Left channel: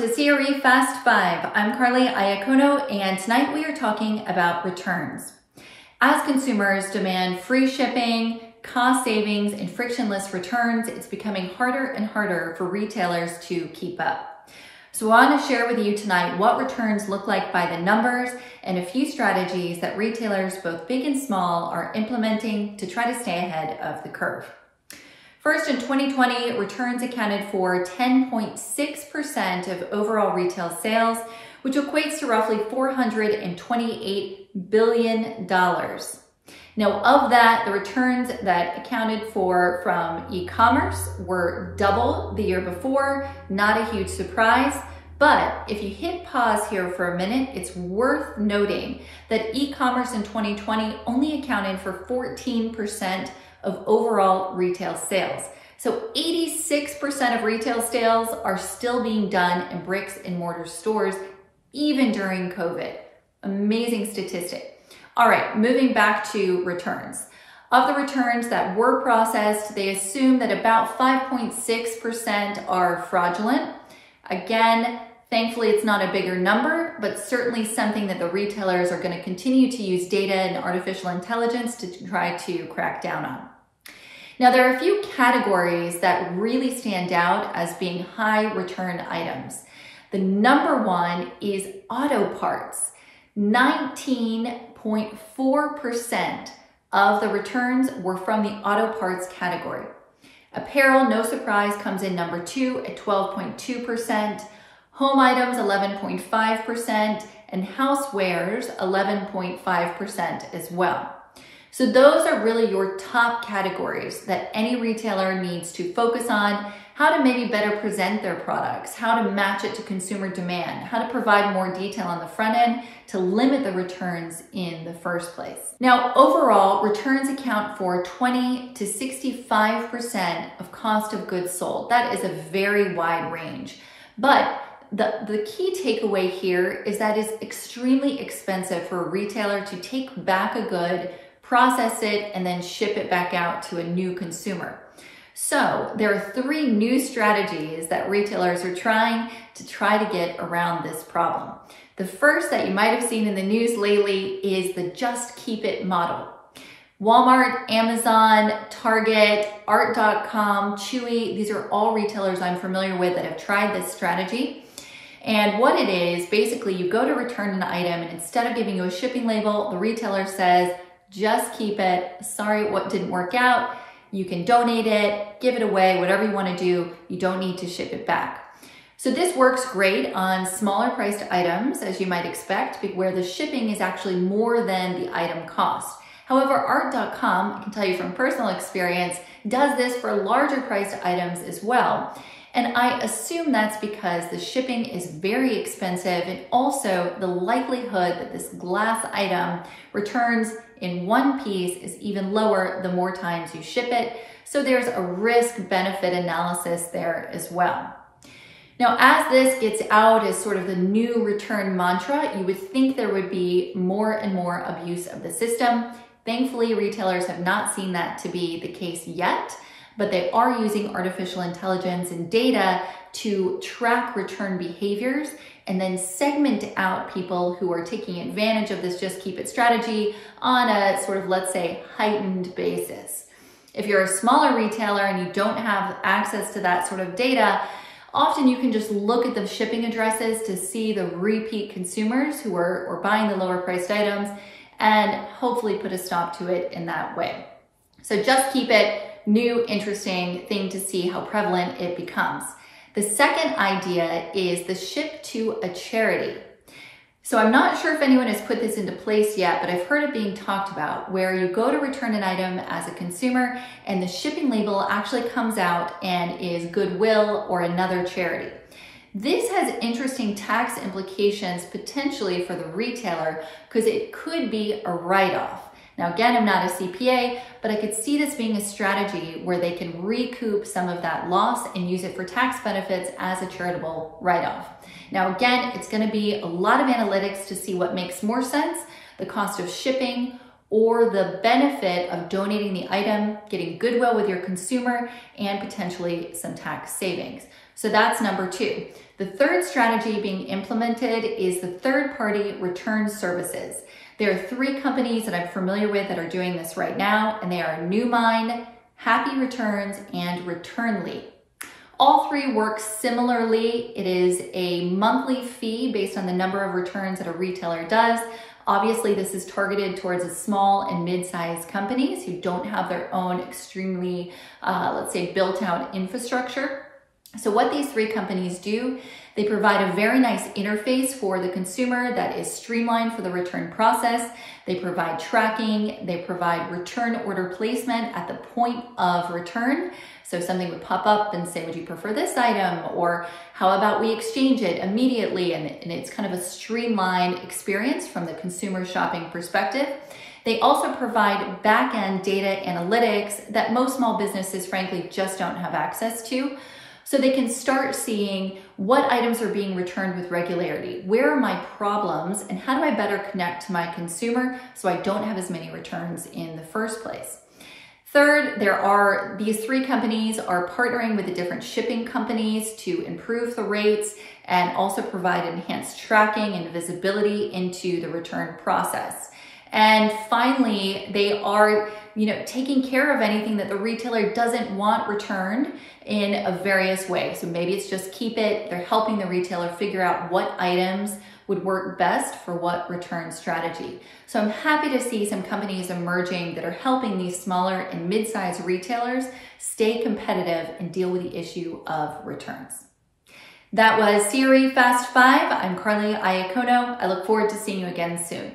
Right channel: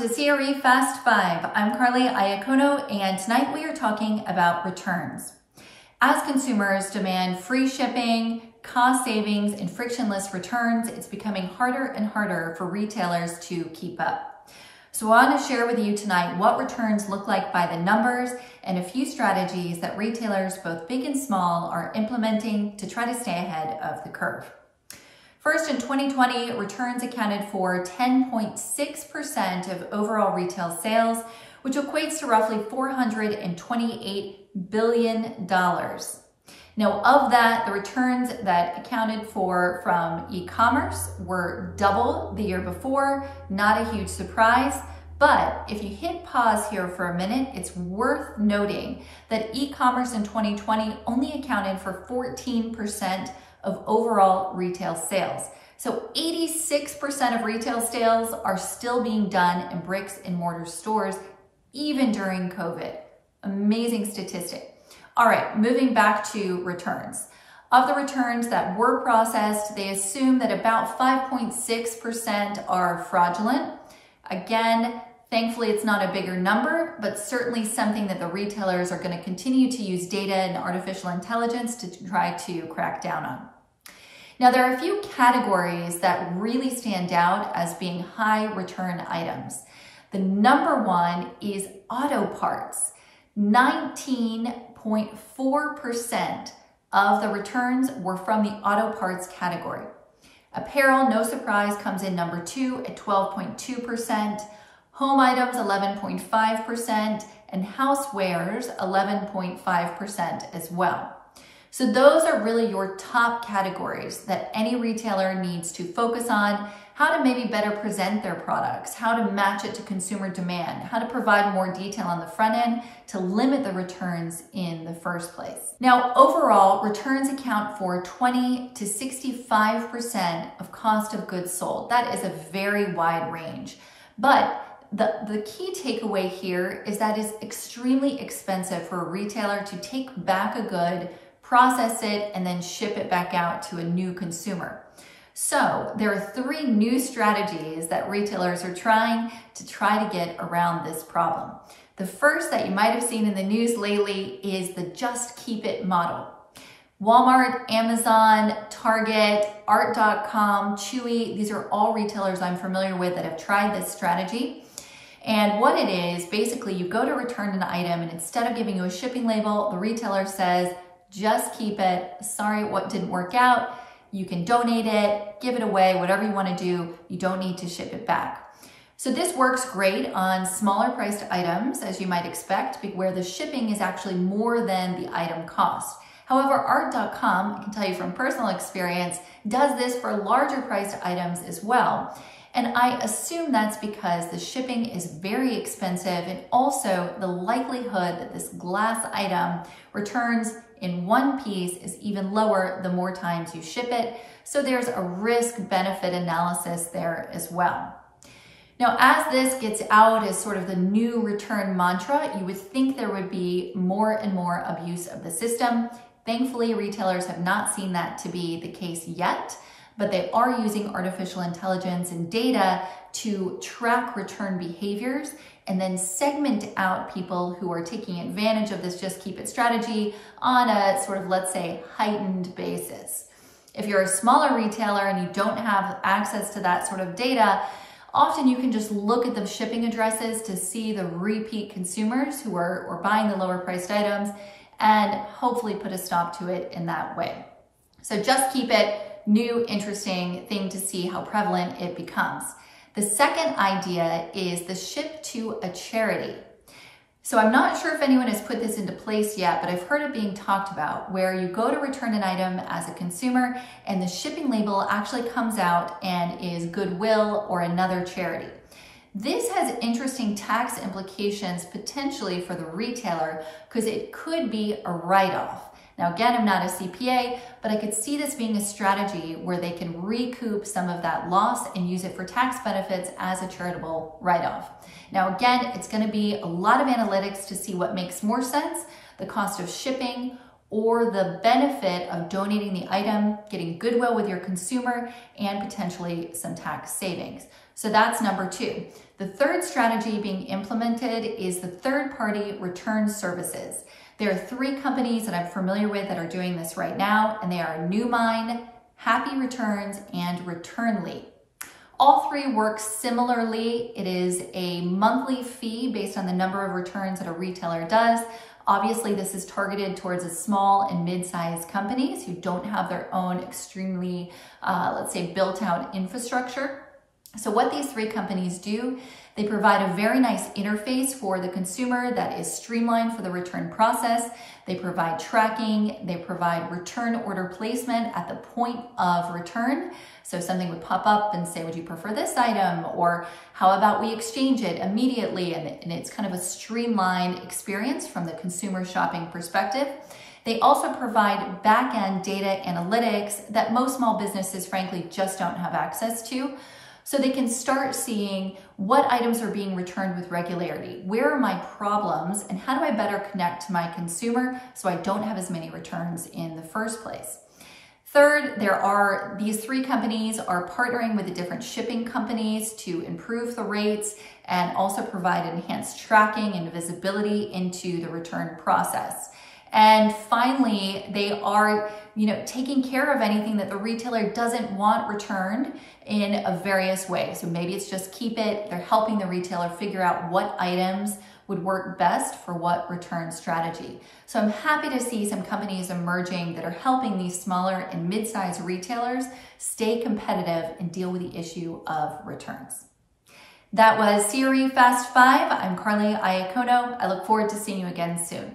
to CRE Fast 5. I'm Carly Iacono, and tonight we are talking about returns. As consumers demand free shipping, cost savings, and frictionless returns, it's becoming harder and harder for retailers to keep up. So I want to share with you tonight what returns look like by the numbers and a few strategies that retailers, both big and small, are implementing to try to stay ahead of the curve. First, in 2020, returns accounted for 10.6% of overall retail sales, which equates to roughly $428 billion. Now, of that, the returns that accounted for from e-commerce were double the year before. Not a huge surprise, but if you hit pause here for a minute, it's worth noting that e-commerce in 2020 only accounted for 14% of overall retail sales. So 86% of retail sales are still being done in bricks and mortar stores, even during COVID. Amazing statistic. All right, moving back to returns. Of the returns that were processed, they assume that about 5.6% are fraudulent. Again, thankfully, it's not a bigger number, but certainly something that the retailers are going to continue to use data and artificial intelligence to try to crack down on. Now, there are a few categories that really stand out as being high return items. The number one is auto parts. 19.4% of the returns were from the auto parts category. Apparel, no surprise, comes in number two at 12.2%. Home items, 11.5%, and housewares, 11.5% as well. So those are really your top categories that any retailer needs to focus on: how to maybe better present their products, how to match it to consumer demand, how to provide more detail on the front end to limit the returns in the first place. Now, overall, returns account for 20 to 65% of cost of goods sold. That is a very wide range, but the key takeaway here is that it's extremely expensive for a retailer to take back a good, process it, and then ship it back out to a new consumer. So there are three new strategies that retailers are trying to get around this problem. The first that you might have seen in the news lately is the just keep it model. Walmart, Amazon, Target, Art.com, Chewy, these are all retailers I'm familiar with that have tried this strategy. And what it is, basically you go to return an item and instead of giving you a shipping label, the retailer says, just keep it. Sorry, what didn't work out. You can donate it, give it away, whatever you want to do. You don't need to ship it back. So this works great on smaller priced items, as you might expect, where the shipping is actually more than the item cost. However, Art.com, I can tell you from personal experience, does this for larger priced items as well. And I assume that's because the shipping is very expensive, and also the likelihood that this glass item returns in one piece is even lower the more times you ship it. So there's a risk-benefit analysis there as well. Now, as this gets out as sort of the new return mantra, you would think there would be more and more abuse of the system. Thankfully, retailers have not seen that to be the case yet, but they are using artificial intelligence and data to track return behaviors and then segment out people who are taking advantage of this just keep it strategy on a sort of, let's say, heightened basis. If you're a smaller retailer and you don't have access to that sort of data, often you can just look at the shipping addresses to see the repeat consumers who are buying the lower priced items and hopefully put a stop to it in that way. So just keep it. New, interesting thing to see how prevalent it becomes. The second idea is the ship to a charity. So I'm not sure if anyone has put this into place yet, but I've heard it being talked about, where you go to return an item as a consumer and the shipping label actually comes out and is Goodwill or another charity. This has interesting tax implications potentially for the retailer because it could be a write-off. Now, again, I'm not a CPA, but I could see this being a strategy where they can recoup some of that loss and use it for tax benefits as a charitable write-off. Now, again, it's going to be a lot of analytics to see what makes more sense, the cost of shipping or the benefit of donating the item, getting goodwill with your consumer, and potentially some tax savings. So that's number 2. The third strategy being implemented is the third-party return services. There are 3 companies that I'm familiar with that are doing this right now, and they are Newmine, Happy Returns, and Returnly. All 3 work similarly. It is a monthly fee based on the number of returns that a retailer does. Obviously, this is targeted towards the small and mid-sized companies who don't have their own extremely, let's say, built-out infrastructure. So what these 3 companies do, they provide a very nice interface for the consumer that is streamlined for the return process. They provide tracking, they provide return order placement at the point of return. So something would pop up and say, would you prefer this item? Or how about we exchange it immediately? And it's kind of a streamlined experience from the consumer shopping perspective. They also provide back-end data analytics that most small businesses, frankly, just don't have access to. So they can start seeing what items are being returned with regularity. Where are my problems and how do I better connect to my consumer so I don't have as many returns in the first place? Third, these 3 companies are partnering with the different shipping companies to improve the rates and also provide enhanced tracking and visibility into the return process. And finally, they are taking care of anything that the retailer doesn't want returned in a various way. So maybe it's just keep it. They're helping the retailer figure out what items would work best for what return strategy. So I'm happy to see some companies emerging that are helping these smaller and mid-sized retailers stay competitive and deal with the issue of returns. That was CRE Fast 5. I'm Carly Iacono. I look forward to seeing you again soon.